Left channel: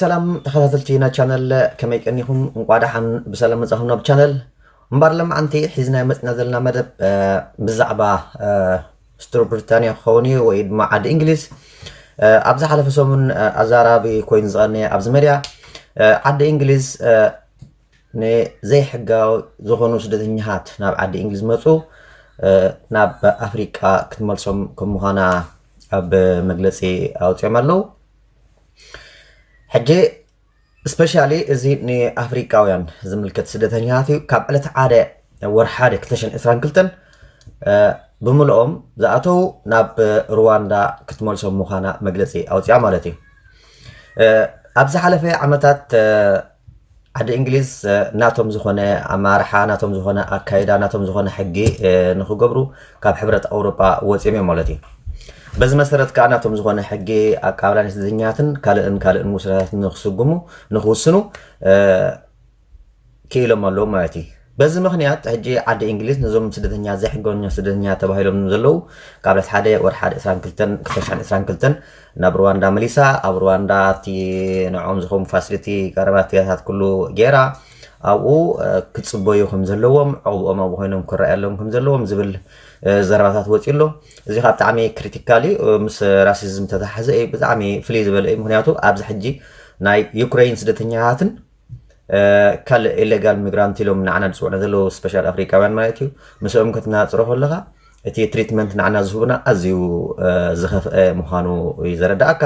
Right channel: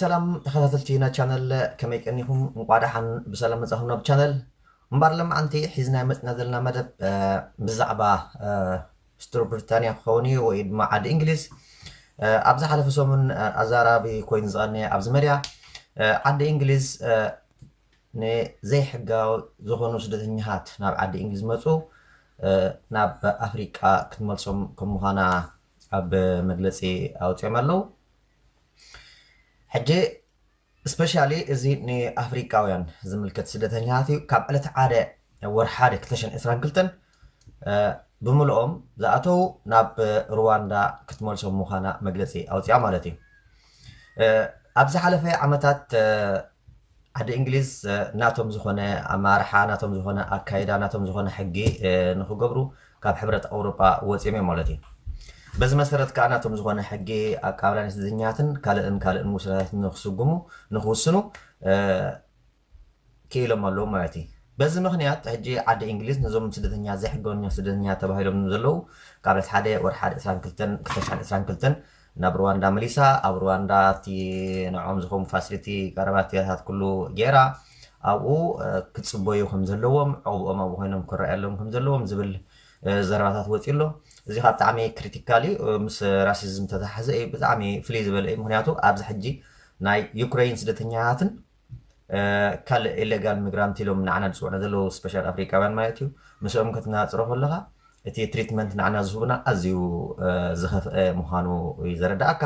ሰላም ተኸታተልቲና ቻናል ከመይ ቀኒኹም እንቋዳሓን ብሰላም መጻኹምና ብቻናል እምባርለም ኣንቲ ሒዝና መጽና ዘለና መደብ ብዛዕባ ስትሮ ብሪታንያ ክኸውን እዩ ወይ ድማ ዓዲ እንግሊዝ ኣብዛ ሓለፈ ሰሙን ኣዛራቢ ኮይኑ ዝቐነየ ኣብዚ መድያ ዓዲ እንግሊዝ ንዘይሕጋዊ ዝኾኑ ስደተኛታት ናብ ዓዲ እንግሊዝ መፁ ናብ ኣፍሪቃ ክትመልሶም ከም ምዃና ኣብ መግለጺ ኣውፅኦም ኣለዉ ሕጂ ስፔሻሊ እዚ ንኣፍሪቃውያን ዝምልከት ስደተኛታት እዩ ካብ ዕለት ሓደ ወርሓደ 2022 ብምልኦም ዝኣተው ናብ ሩዋንዳ ክትመልሶም ምዃና መግለጺ ኣውፅያ ማለት እዩ ኣብዚ ሓለፈ ዓመታት ዓዲ እንግሊዝ ናቶም ዝኾነ ኣማርሓ ናቶም ዝኾነ ኣካይዳ ናቶም ዝኾነ ሕጊ ንኽገብሩ ካብ ሕብረት ኣውሮጳ ወፂኦም እዮም ማለት እዩ በዚ መሰረት ከዓ ናቶም ዝኾነ ሕጊ ኣቃብላን ስደተኛትን ካልእን ውሳኔታትን ንኽውስኑ ክኢሎም ኣለዉ ማለት እዩ በዚ ምክንያት ሕጂ ዓዲ እንግሊዝ ነዞም ስደተኛት ዘይሕጋኛ ስደተኛት ተባሂሎም ዘለዉ ካብ ዕለት 1 ወርሒ 2022 ናብ ሩዋንዳ መሊሳ ኣብ ሩዋንዳ እቲ ንዖም ዝኾኑ ፋሲሊቲ ቀረባትያታት ኩሉ ጌራ ኣብኡ ክፅበዩ ከም ዘለዎም ዕቑቦም ኣብኡ ኮይኖም ክረኣየሎም ከም ዘለዎም ዝብል ዘረባታት ወፂኡ ኣሎ እዚ ካብ ብጣዕሚ ክሪቲካሊ ምስ ራሲዝም ተተሓዘ እዩ ብጣዕሚ ፍልይ ዝበለ እዩ ምክንያቱ ኣብዚ ሕጂ ናይ ዩክሬን ስደተኛታትን ካልእ ኢሌጋል ሚግራንት ኢሎም ንዓና ዝፅውዑ ዘለዉ ስፔሻል ኣፍሪካውያን ማለት እዩ ምስኦም ክትናፅሮ ከለካ እቲ ትሪትመንት ንዓና ዝህቡና ኣዝዩ ዝኸፍአ ምዃኑ እዩ ዘረዳእካ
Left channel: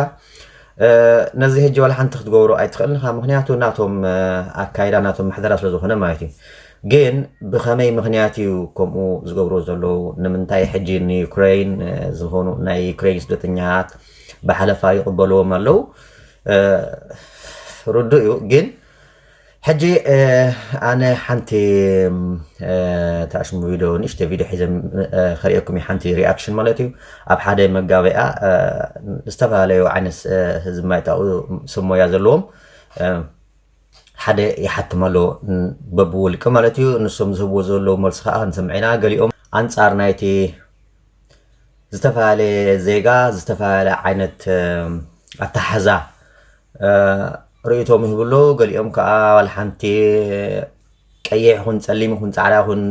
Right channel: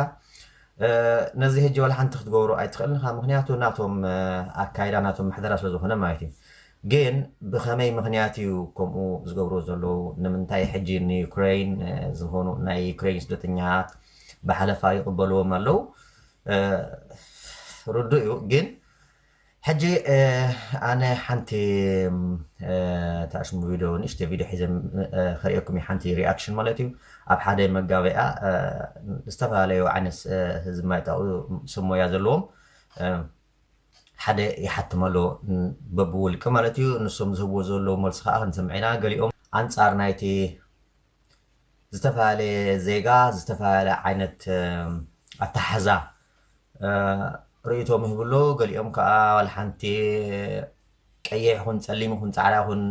ነዚ ሕጂ ዋላ ሓንቲ ክትገብሮ ኣይትኽእልን ኢኻ ምክንያቱ ናቶም ኣካይዳ ናቶም ማሕደራ ስለ ዝኾነ ማለት እዩ ግን ብኸመይ ምክንያት እዩ ከምኡ ዝገብሮ ዘለዉ ንምንታይ ሕጂ ንዩክሬን ዝኾኑ ናይ ዩክሬን ስደተኛት ብሓለፋ ይቕበልዎም ኣለዉ ርዱ እዩ ግን ሕጂ ኣነ ሓንቲ ተኣሽሙ ቪድዮ ንእሽተ ቪድዮ ሒዘ ከሪአኩም ሓንቲ ሪኣክሽን ማለት እዩ ኣብ ሓደ መጋበያ ዝተፈላለዩ ዓይነት ህዝቢ ማይጣኡ ስሞያ ዘለዎም ሓደ ይሓትም ኣሎ በብውልቂ ማለት እዩ ንሶም ዝህብዎ ዘለዉ መልሲ ከዓ ክንሰምዕ ኢና ገሊኦም ኣንጻር ናይቲ ዝተፈላለየ ዜጋ ዝተፈላለየ ዓይነት ኣተሓዛ ርእቶም ይህብሎ ገሊኦም ከዓ ዋላ ሓንቲ ቀይሕ ይኹን ፀሊም ይኹን ፃዕዳ ይኹን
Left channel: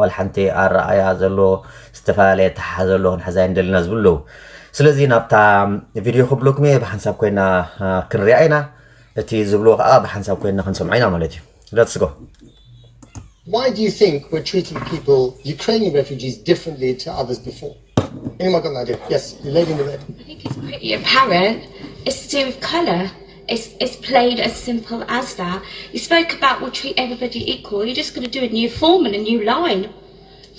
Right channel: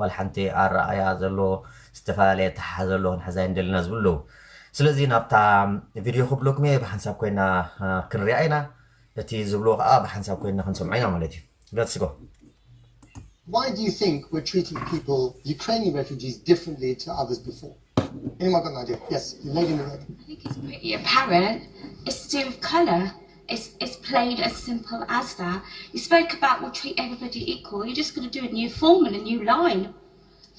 ዋላ ሓንቲ ኣረኣያ ዘሎ ዝተፈላለየ ኣተሓሓዛ ዘሎ ክንሕዛ ንደልና ዝብለዉ ስለዚ ናብታ ቪድዮ ክብለኩም እየ ብሓንሳብ ኮይና ክንሪኣ ኢና እቲ ዝብልዎ ከዓ ብሓንሳብ ኮይና ክንሰምዖ ኢና ማለት እዩ let's go Why do you think we're treating people Ukrainian refugees differently to others before anyone got an idea yes the lady in the red I think it's pretty apparent it's to do with colour It's plain as simple as that. You spoke about we'll treat everybody equal. You're just going to do a new form and a new line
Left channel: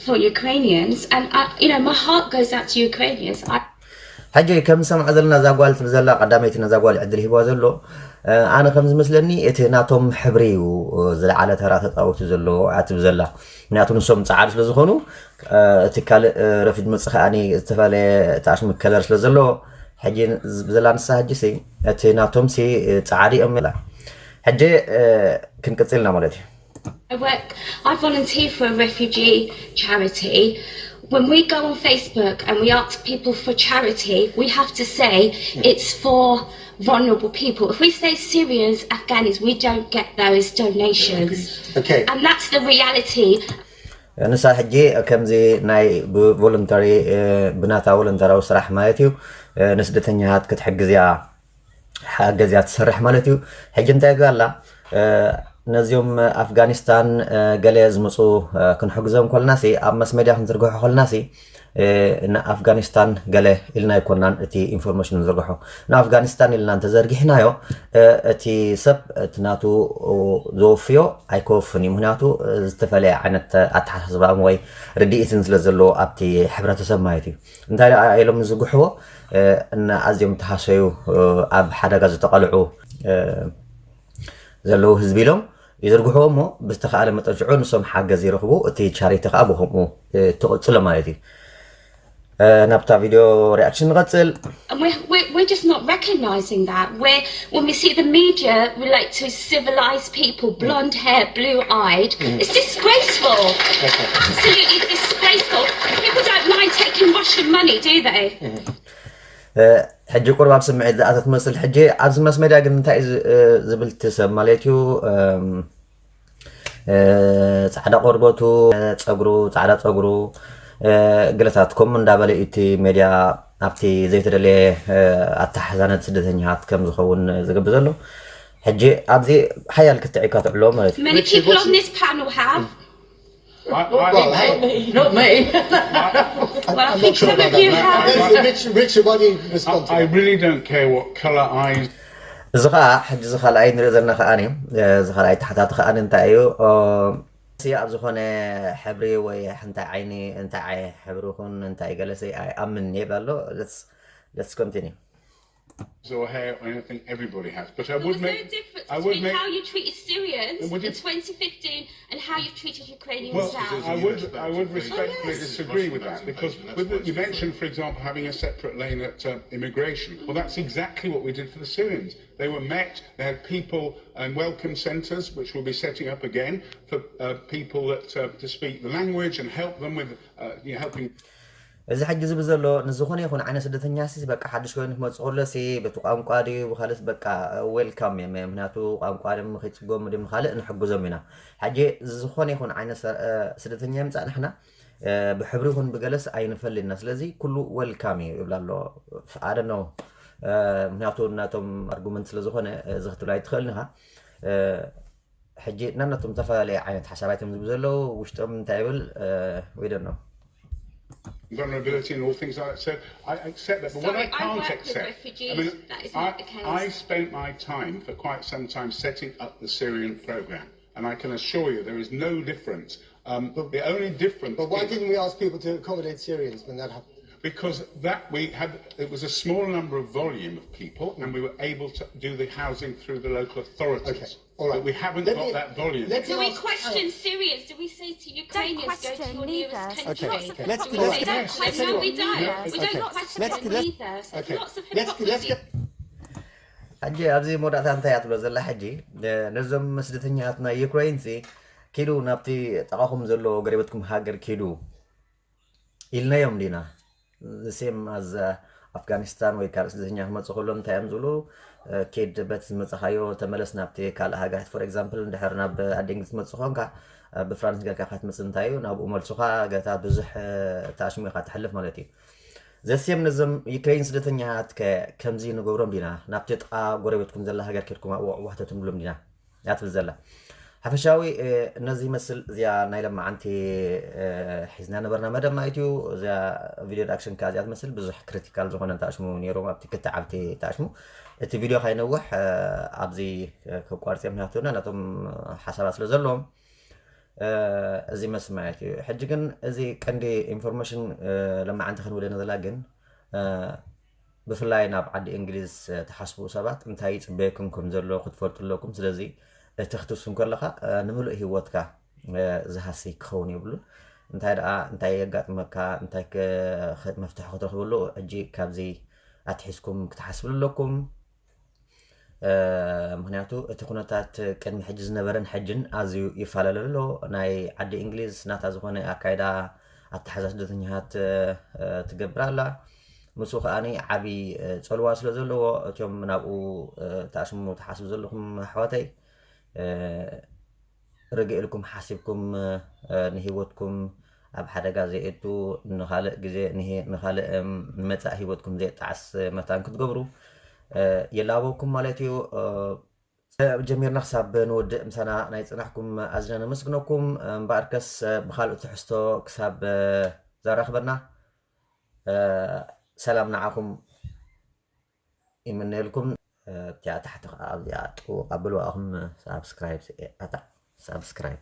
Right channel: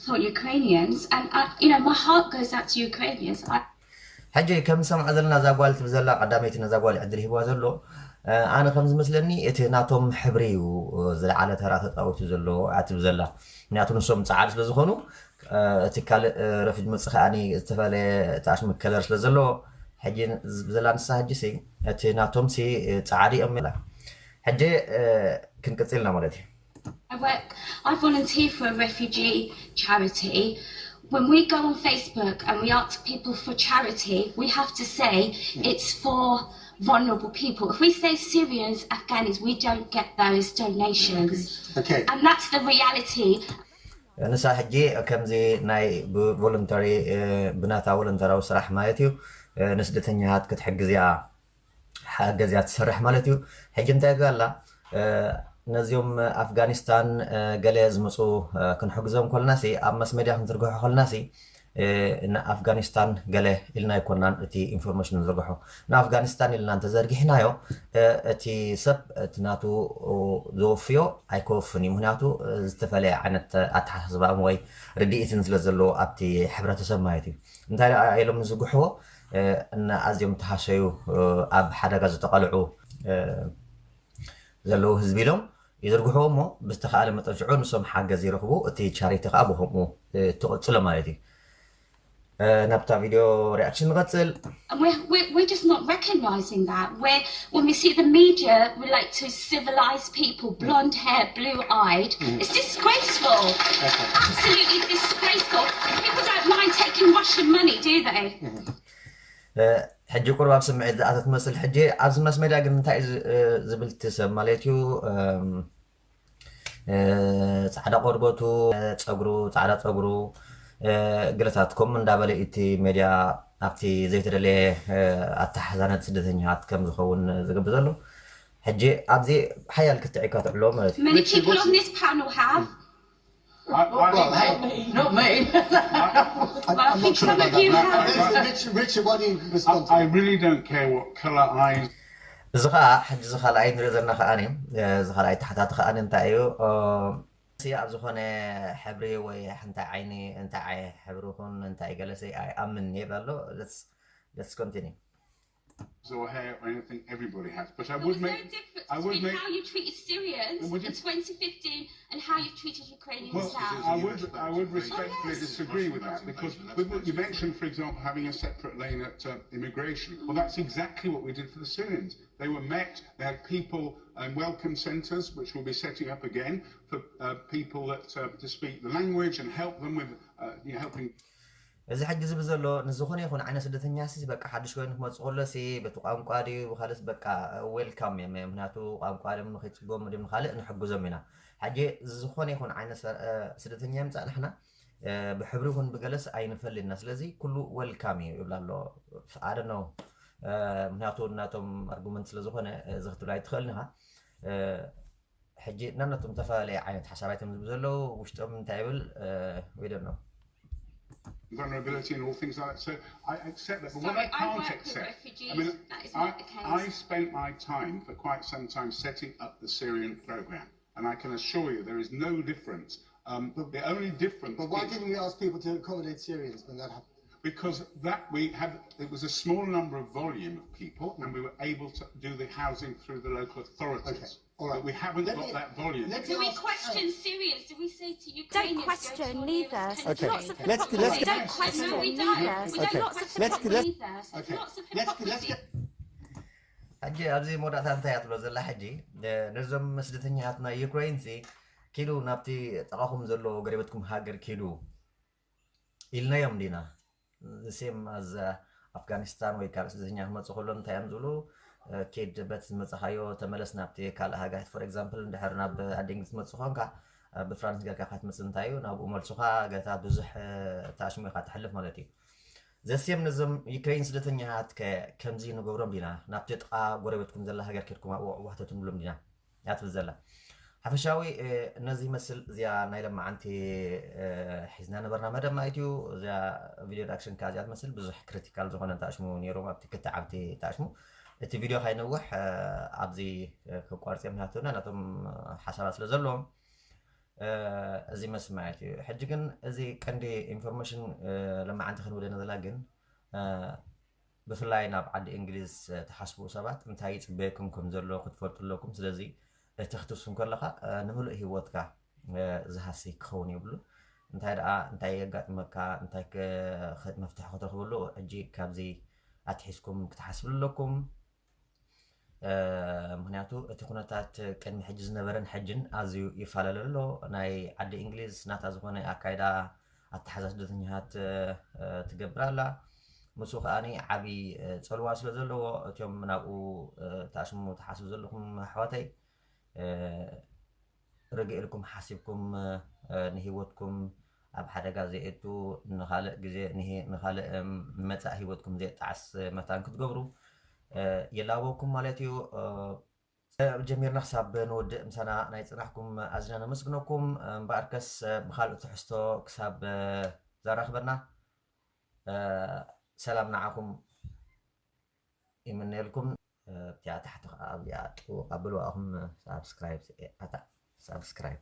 for Ukrainians. And, my heart goes out to Ukrainians. ሕጂ ከም ሰምዖ ዘለና እዛ ጓል ትብል ዘላ ቀዳመይቲ ነዛ ጓል ዕድል ሂብዋ ዘሎ ኣነ ከም ዝመስለኒ እቲ ናቶም ሕብሪ እዩ ዝለዓለ ተራ ተፃወቱ ዘሎ ኣትብ ዘላ ምክንያቱ ንሶም ፃዓዲ ስለ ዝኾኑ እቲ ካልእ ረፊድ መፅእ ከዓኒ ዝተፈላለየ ተኣሽሙ ከለር ስለ ዘሎ ሕጂ ብዘላ ንሳ ሕጂ ሲ እቲ ናቶም ሲ ፃዓዲ እዮም ላ ሕጂ ክንቅፅልና ማለት እዩ I volunteer for a refugee charity. When we go on Facebook and we ask people for charity, we have to say it's for vulnerable people. If we say Syrians, Afghans, we don't get those donations. Okay. And that's the reality. ንሳ ሕጂ ከምዚ ናይ ቮለንተሪ ብናታ ቮለንተራዊ ስራሕ ማለት እዩ ንስደተኛታት ክትሕግዝያ ሓገዝያ ትሰርሕ ማለት እዩ ሕጂ እንታይ ጋላ ነዚኦም ኣፍጋኒስታን ገለ ዝመፁ ክንሕግዞም ከለናሲ ኣብ መስመድያ ክንዝርግሖ ከለናሲ ንኣፍጋኒስታን ገለ ኢልና ይኮናን እቲ ኢንፎርሜሽን ንዝርግሖ ንኣፍጋኒስታን ኢልና እንተዘርጊሕናዮ እቲ ሰብ እቲ ናቱ ዘወፍዮ ኣይከወፍን እዩ ምክንያቱ ዝተፈለየ ዓይነት ኣተሓሳስባ ወይ ርድኢትን ስለ ዘለዎ ኣብቲ ሕብረተሰብ ማለት እዩ እንታይ ኢሎም ዝግሕዎ ኣዝዮም ተሃሰዩ ኣብ ሓደጋ ዝተቐልዑ ዘለዉ ህዝቢ ኢሎም ይዝርግሕዎ እሞ ብዝተኸኣለ መጠን ሽዑ ንሶም ሓገዝ ይረኽቡ እቲ ቻሪቲ ከዓ ብከምኡ ትቕፅሎ ማለት እዩ ናብታ ቪድዮ ሪኣክሽን ንቐፅል And we're just not recognising that. When we see the media relate to civilised people, blonde hair, blue-eyed, it's disgraceful. Absolutely disgraceful. People don't mind ration money, do they? ሕጂ ቁርባብ ስምዒት ዝኣተት ትመስል ሕጂ ኣብዚ መስ ሜድያ ግን እንታይ ዝብል ትሰብ ማለት እዩ ፃዕዳ ቆርበቱ ፀጉሩ ፃዕዳ ፀጉሩ ገለታት ከምኡ እንዳበለ እቲ ሜድያ ኣብቲ ዘይተደለየ ኣተሓዛነት ስደተኛታት ከም ዝኸውን ዝገብር ዘሎ ሕጂ ኣብዚ ሓያል ክትዕካ ትዕሎ ማለት እዩ Many people on this panel have. Not me. Well, I think some of you have. Richard, why do you respond to I that? really don't care what colour eyes. እዚ ከዓ ሕጂ እዚ ካልኣይ ንሪኦ ዘለና ከዓኒ እዚ ካልኣይ ታሕታቲ ከዓኒ እንታይ እዩ ኣብ ዝኾነ ሕብሪ ወይ እንታይ ዓይኒ እንታይ ሕብሪ ይኹን እንታይ ገለሰ ኣይኣምን ይብል ኣሎ let's continue Or hair or anything everybody has, but I Well, would there's make. no difference I would between make. how you treated Syrians Would you- in 2015 and how you've treated Ukrainians Well, now. I would respectfully yes. disagree with that because with the, you mentioned, for example, having a separate lane at immigration. Well, that's exactly what we did for the Syrians. They were met. They had people and welcome centres, which we'll be setting up again for people that to speak the language and help them with helping. እዚ ሕጂ ዝብል ዘሎ ንዝኾነ ይኹን ዓይነት ስደተኛ ሲ በቃ ሓድሽ ኮይኑ ክመፅእ ከሎ ሲ በቲ ቋንቋ ድዩ ብካልእ በቃ ዌልካም እዮም ምክንያቱ ቋንቋ ድም ከይፅጎሙ ድም ካልእ ንሕግዞም ኢና ሕጂ ዝኾነ ይኹን ዓይነት ስደተኛ ይምፃእ ንሕና ብሕብሪ ይኹን ብገለስ ኣይንፈልልና ስለዚ ኩሉ ዌልካም እዩ ይብላ ኣሎ ኣደ ነው ምክንያቱ እናቶም ኣርጉመንት ስለ ዝኾነ እዚ ክትብላ ኣይትኽእልን ኢኻ ሕጂ ናናቶም ዝተፈላለዩ ዓይነት ሓሳባት እዮም ዝብል ዘለው ውሽጦም እንታይ ይብል ወይ ደኖ vulnerability and all things like that. So I accept that. But what I Sorry, I can't work with accept, refugees. I mean, That is not the case. I spent my time for quite some time setting up the Syrian program, and I can assure you there is no difference. The only difference. But why is didn't we ask people to accommodate Syrians when that happened? because that we had, it was a small number of volume of people, and we were able to do the housing through the local authorities. Okay, all right. But we haven't Let got me- that volume. let me Do we ask- question Syrians? Do we say to Ukrainians, Don't question go to your neither. nearest Okay. country? Lots of Let's- hypocrisy. let's- Don't let's- question No, we don't. neither. We Okay. don't question Let's- them let's- either. So Okay. there's lots of Let's hypocrisy. get ሕጂ ኣብዚ መወዳእታ እንታይ እያ ትብሎ ዘላ ሕጂ ነዞም ስደተኛትና ዩክሬን ኪዱ ናብቲ ጠቃኹም ዘሎ ገሬበትኩም ሃገር ኪዱ ኢልናዮም ዲና ሴም ኣዝ ኣፍጋኒስታን ወይ ካልእ ስደተኛ ክመፅእ ከሎ እንታይ እዮም ዝብሉ ኬድ በት ዝመፅኻዮ ተመለስ ናብቲ ካልእ ሃገራት ፎር ኤግዛምፕል እንድሕር ናብ ኣዲ እንግሊዝ ትመፅእ ኮንካ ብፍራንስ ጌርካ ካ ትመፅእ እንታይ እዩ ናብኡ መልሱኻ ገታ ብዙሕ ተኣሽሙ ኢኻ ትሕልፍ ማለት እዩ ዘስየም ነዞም ዩክሬን ስደተኛታት ከምዚ ንገብሮም ዲና ናብቲ ጥቃ ጎረቤትኩም ዘላ ሃገር ኬድኩም ኣብኡ ዋሕተቱም ብሎም ዲና እያ ትብል ዘላ ሓፈሻዊ እነዚ ይመስል እዚኣ ናይ ለማዓንቲ ሒዝና ነበርና መደብ ማለት እዩ እዚኣ ቪድዮ ሪኣክሽን ካ እዚኣ ትመስል ብዙሕ ክሪቲካል ዝኾነ ተኣሽሙ ነይሮም ኣብቲ ክልተ ዓብቲ ተኣሽሙ እቲ ቪድዮ ካይነውሕ ኣብዚ ክቋርፅ ምክንያቱ ናቶም ሓሳባት ስለ ዘለዎም እዚ መስል ማለት እዩ ሕጂ ግን እዚ ቀንዲ ኢንፎርሜሽን ለማዓንቲ ክንብለና ዘላ ግን ብፍላይ ናብ ዓዲ እንግሊዝ ተሓስቡ ሰባት እንታይ ይፅበየኩም ከም ዘሎ ክትፈልጡ ኣለኩም ስለዚ እቲ ክትውስን ከለካ ንምሉእ ሂወትካ ዝሃሲ ክኸውን የብሉን እንታይ ደኣ እንታይ የጋጥመካ እንታይ መፍትሒ ክትረክበሉ ሕጂ ካብዚ ኣትሒዝኩም ክትሓስብሉ ኣለኩም ምክንያቱ እቲ ኩነታት ቅድሚ ሕጂ ዝነበረን ሕጅን ኣዝዩ ይፈላለ ኣሎ ናይ ዓዲ እንግሊዝ ናታ ዝኾነ ኣካይዳ ኣተሓዛ ስደተኛታት ትገብር ኣላ ምስኡ ከዓኒ ዓብይ ፀልዋ ስለ ዘለዎ እትዮም ናብኡ ተኣሽሙ ተሓስቡ ዘለኹም ኣሕዋተይ ርግእ ኢልኩም ሓሲብኩም ንሂወትኩም ኣብ ሓደጋ ዘየእቱ ንካልእ ግዜ ንካልእ ንመፃእ ሂወትኩም ዘየጣዓስ መታን ክትገብሩ የላበኩም ማለት እዩ ጀሚርና ክሳብ ንወድእ ምሳና ናይ ፅናሕኩም ኣዝና ነመስግነኩም እምበኣርከስ ብካልእ ትሕዝቶ ክሳብ ዘራኽበና ሰላም ንዓኹም ይምነየልኩም እቲኣ ታሕቲ ከዓ ኣብዚኣ ጥቡ ቀብሉ ኣኹም ሳብስክራይብ